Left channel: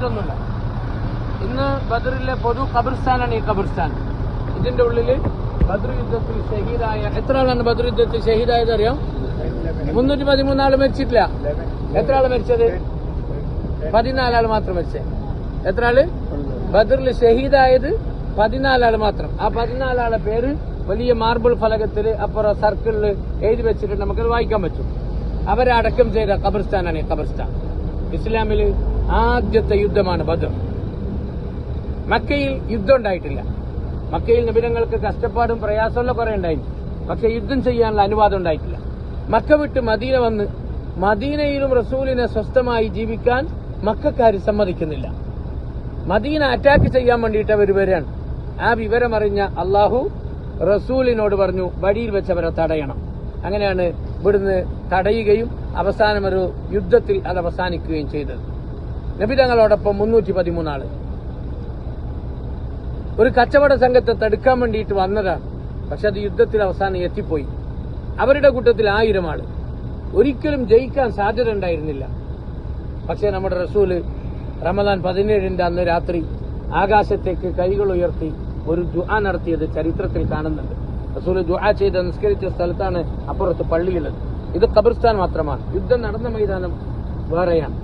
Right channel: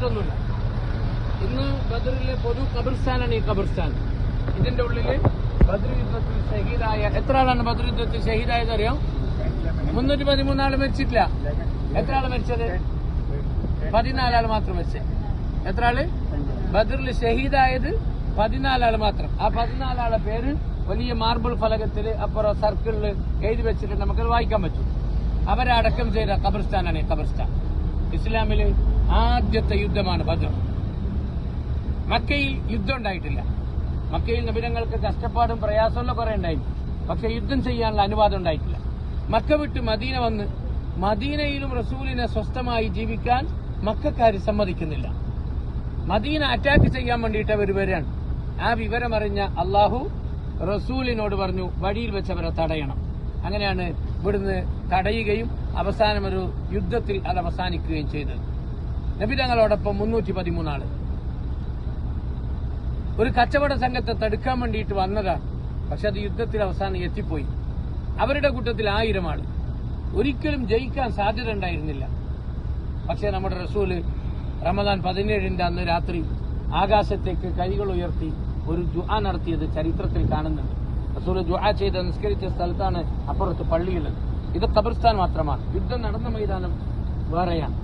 മാറ്റിയിട്ടൊന്നുമില്ല. ഇന്ന് ബദറിലെ പൊതു ഖബർസ്ഥാനാണ് ഈ ഖബർസ്ഥാൻ. ഇതിന്റെ ഉള്ളിൽ ബദർ യുദ്ധത്തിൽ ഷഹീദായ എത്ര ആളാണ് ബദർ യുദ്ധത്തിൽ ഷഹീദായത് അറിയോ? 313 ആള് മരിച്ചിട്ടില്ല. എത്ര ആള് മരിച്ചത്? 14 ആള് മാത്രം മരിച്ചത്. എത്ര ആള്? ബദറിൽ ഷഹീദായത് 14 ആള് മാത്രം. ആ 14 ആളെ പേര് വലിയ മാർബിൾ ഫലകത്തില് അപ്പുറം സർക്കിളിൽ എഴുതി വെച്ചിട്ട് നമുക്കത് വായിക്കാൻ പറ്റും. അവരെ അടക്കം ചെയ്ത ഖബർസ്ഥാനാണ് ഈ ഖബർസ്ഥാൻ. ഇസ്ലാമിൽ ആദ്യത്തെ യുദ്ധമാണ് ബദർ. മക്കയിൽ യുദ്ധം ഉണ്ടായിട്ടില്ല. മക്കയിൽ നബിതങ്ങൾക്ക് കഷ്ടപ്പാടും പ്രയാസമുള്ള കുറെ ഉണ്ടായി. പക്ഷെ യുദ്ധം ചെയ്യാനുള്ള അനുവാദം ഉണ്ടായിട്ടില്ല. മക്ക വിട്ട് മദീന വന്ന് മദീനയിലും റസൂലിനെ സ്വസ്ഥമായി ജീവിക്കാൻ മക്കാർ സമ്മതിക്കുന്നില്ല. മദീന അറ്റാക്ക് ചെയ്യാൻ വേണ്ടിയിട്ട് അവർ വരികയാണ്. ആ വിവരമറിഞ്ഞ അള്ളാഹു റസൂലിനോട് പറഞ്ഞു വഴിയിൽ വെച്ചവരെ തടയണം. അങ്ങനെയാണ് ഇവിടുന്ന് തടയുകയും അവസാനം ഒരു യുദ്ധത്തിൽ അത് അവസാനിക്കുകയും ചെയ്തത്. നബിതങ്ങളോടൊപ്പം 313 ആള് ഒരു കച്ചവട സംഘത്തെ തടുക്കാൻ വേണ്ടിയിട്ട് വന്നതാണ്. പക്ഷെ അത് യുദ്ധത്തിൽ അവസാനം എത്തിപ്പോയി. അവരുടെ കൂട്ടത്തിൽ 1000 ആള്. ഒരിക്കലും ജയിക്കാൻ സാധ്യത ഉണ്ടായിരുന്നില്ല. പക്ഷെ നമ്മുടെ റസൂല് റമദാൻ 17 അന്ന് രാത്രി ആകാശത്തേക്ക് കൈകൾ ഉയർത്തി ഒരു ദുആ നടത്തിയത് ചരിത്രത്തിൽ കാണുന്നുണ്ട്. റസൂല് ദുആ ചെയ്ത് നിസ്കരിച്ച സ്ഥലത്താണ് അപ്പുറത്ത് പള്ളിയുള്ളത്. ഇത് ഖബർസ്ഥാൻ മാത്രമാണ്. യുദ്ധം നടന്ന മൈതാനം വേറെയാണ്.